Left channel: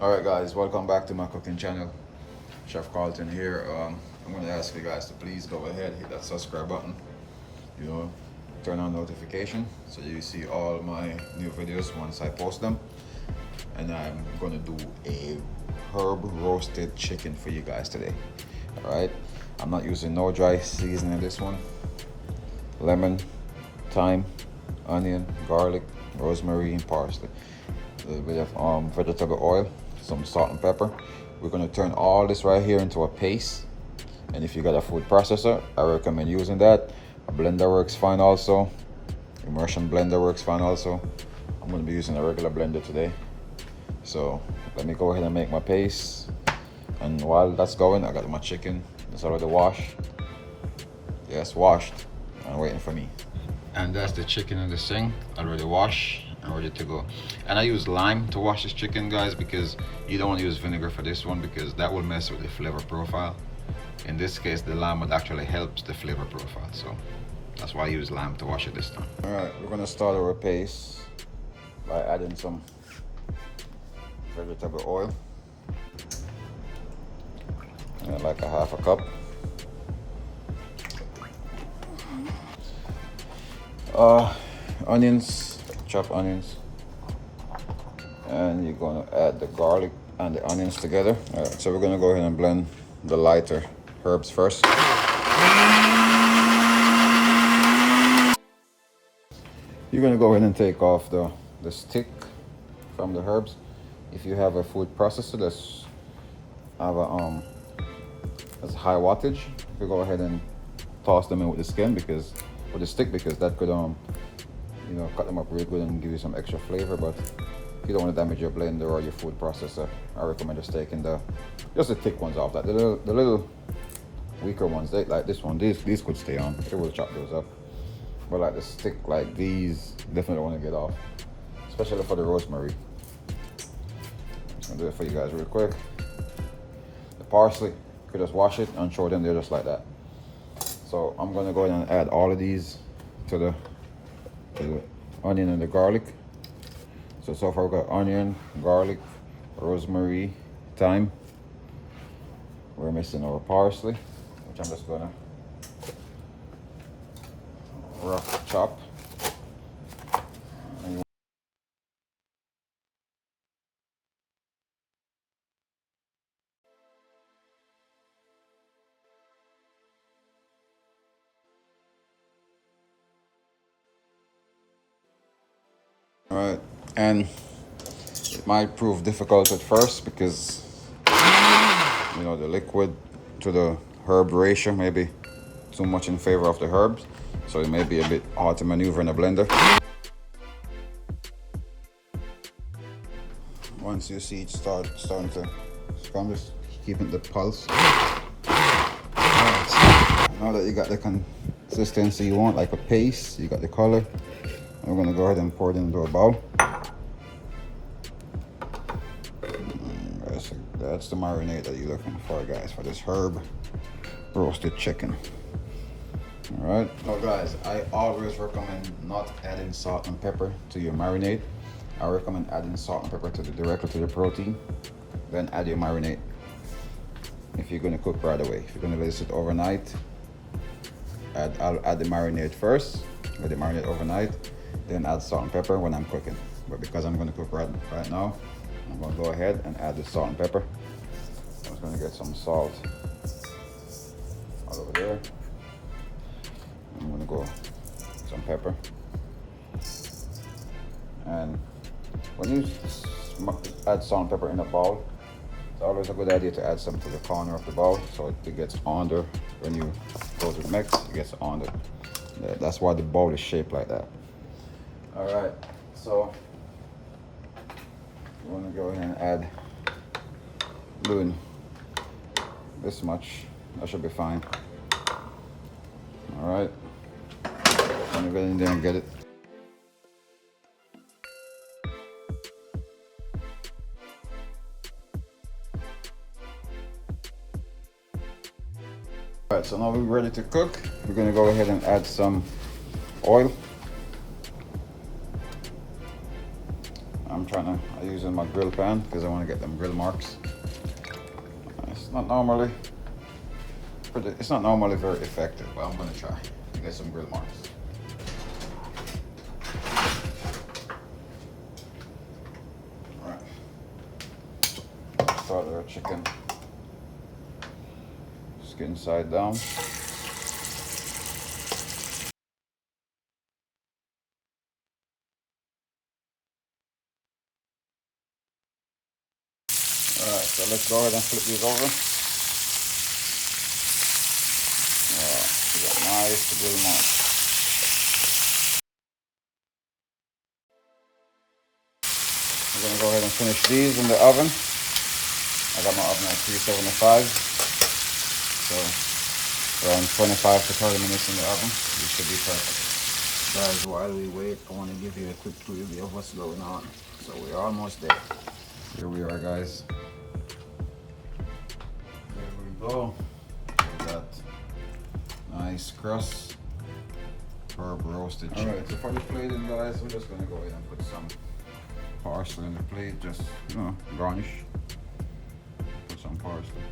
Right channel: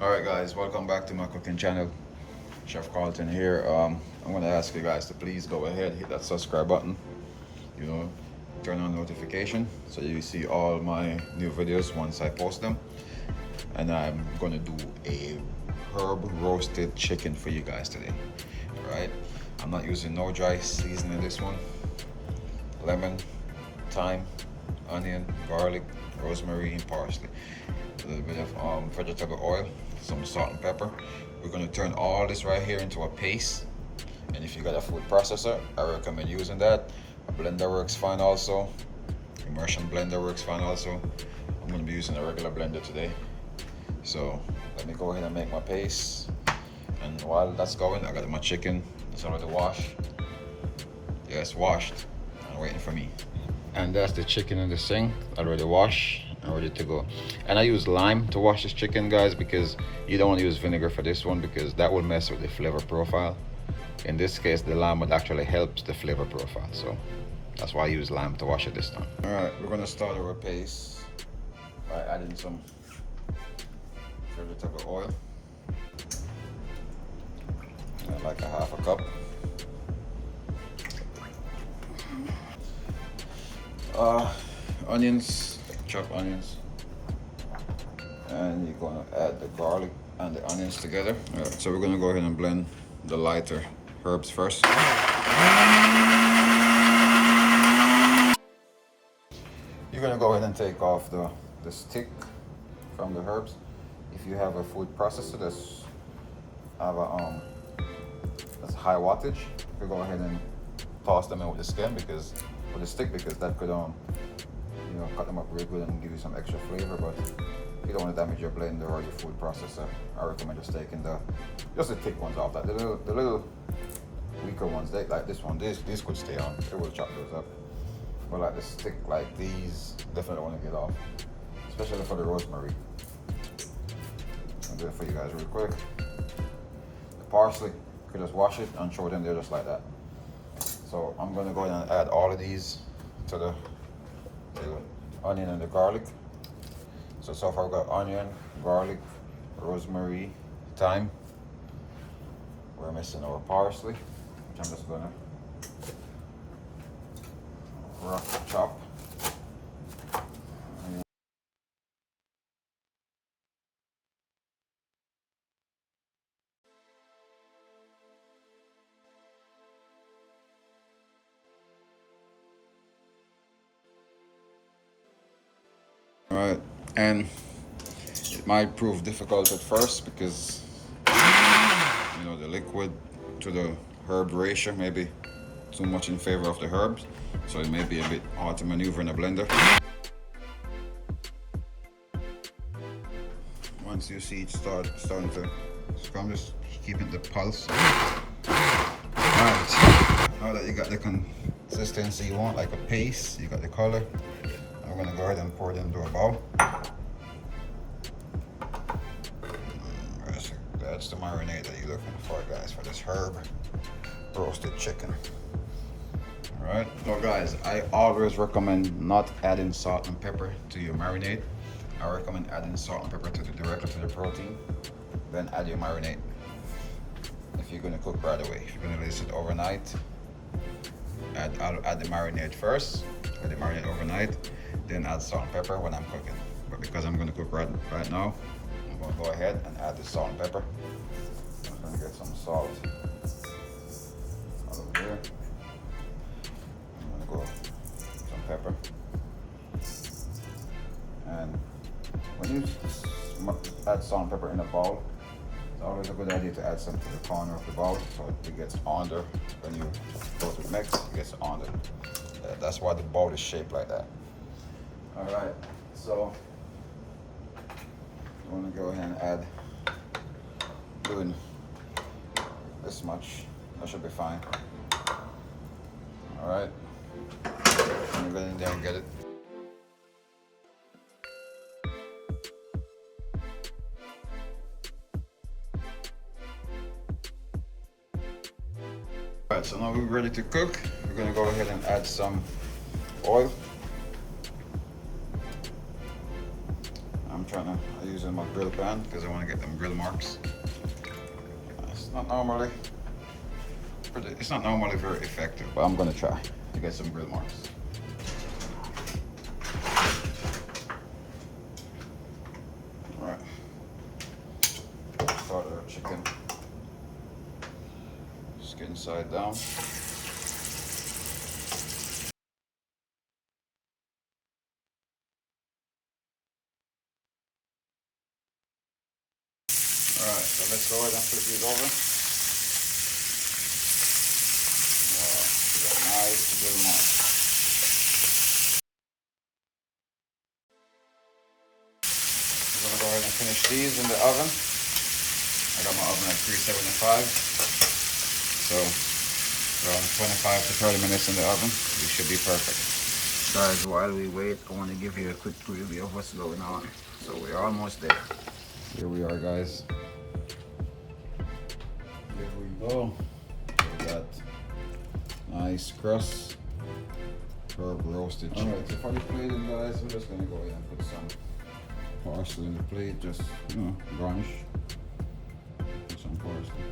Alright guys, welcome back to my cooking channel. Chef Carlton here. I'm going to ask you guys to please go ahead, hit that subscribe button, turn on notification so you see all my new videos once I post them. And I'm going to do a herb roasted chicken for you guys today. Alright, I'm not using no dry seasoning in this one. Lemon, thyme, onion, garlic, rosemary, and parsley. A little bit of vegetable oil, some salt and pepper. We're gonna turn all this right here into a paste. And if you got a food processor, I recommend using that. A blender works fine also. Immersion blender works fine also. I'm gonna be using a regular blender today. So let me go ahead and make my paste. And while that's going, I got my chicken. It's already washed. Yes, washed and waiting for me. And that's the chicken in the sink, already washed and ready to go. And I use lime to wash this chicken, guys, because you don't want to use vinegar for this one because that will mess with the flavor profile. In this case, the lime would actually help the flavor profile, so that's why I use lime to wash it this time. All right, we're gonna start our paste by adding some vegetable oil, like a half a cup. Onions, chopped onions, and you're gonna add the garlic and the onions together. All right, so we're gonna go ahead and blend the lighter herbs first. You're gonna go ahead and take off the stick from the herbs. If you have a food processor that's high wattage, you go ahead and toss them in with the skin because with the stick, because that could cut them up really good and give you some extra flavor. But if you don't want to damage your blender or your food processor, I recommend just taking just the thick ones off. That the little weaker ones, like this one, these could stay on. They will chop those up. But like the stick, like these, definitely want to get off, especially for the rosemary. I'll do it for you guys real quick. The parsley, you could just wash it and throw it in there just like that. So I'm gonna go ahead and add all of these to the onion and the garlic. So far we've got onion, garlic, rosemary, thyme. We're missing our parsley, which I'm just gonna rough chop. All right, and it might prove difficult at first because the liquid to the herb ratio may be too much in favor of the herbs, so it may be a bit hard to maneuver in a blender. Once you see it starting to come, just keeping the pulse. Alright, now that you got the consistency you want, like a paste, you got the color, we're gonna go ahead and pour it into a bowl. That's the marinade that you're looking for, guys, for this herb roasted chicken. All right. So guys, I always recommend not adding salt and pepper to your marinade. I recommend adding salt and pepper directly to the protein, then add your marinade. If you're gonna cook right away, if you're gonna let it sit overnight, I'll add the marinade first, add the marinade overnight, then add salt and pepper when I'm cooking. But because I'm gonna cook right now, I'm gonna go ahead and add the salt and pepper. I'm gonna get some salt right over there. I'm gonna go some pepper. And when you add salt and pepper in a bowl, it's always a good idea to add some to the corner of the bowl so it gets under. When you go to mix, it gets under. That's why the bowl is shaped like that. All right, so I'm gonna go ahead and add, doing this much, that should be fine. All right, I'm gonna get in there and get it. All right, so now we're ready to cook. We're gonna go ahead and add some oil. I'm using my grill pan because I want to get them grill marks. It's not normally very effective, but I'm gonna try to get some grill marks. Alright. Start our chicken. Skin side down. Alright, so let's go ahead and flip these over. Alright, nice to do now. I'm gonna go ahead and finish these in the oven. I got my oven at 375. So around 25 to 30 minutes in the oven, we should be perfect. Guys, while we wait, I want to give you a quick preview of what's going on. So we're almost there. Here we are, guys. There we go. We got nice crust for roasted chicken. Alright, so for the plating, guys, we're just gonna go ahead and put some parsley in the plate, just garnish. Put some parsley.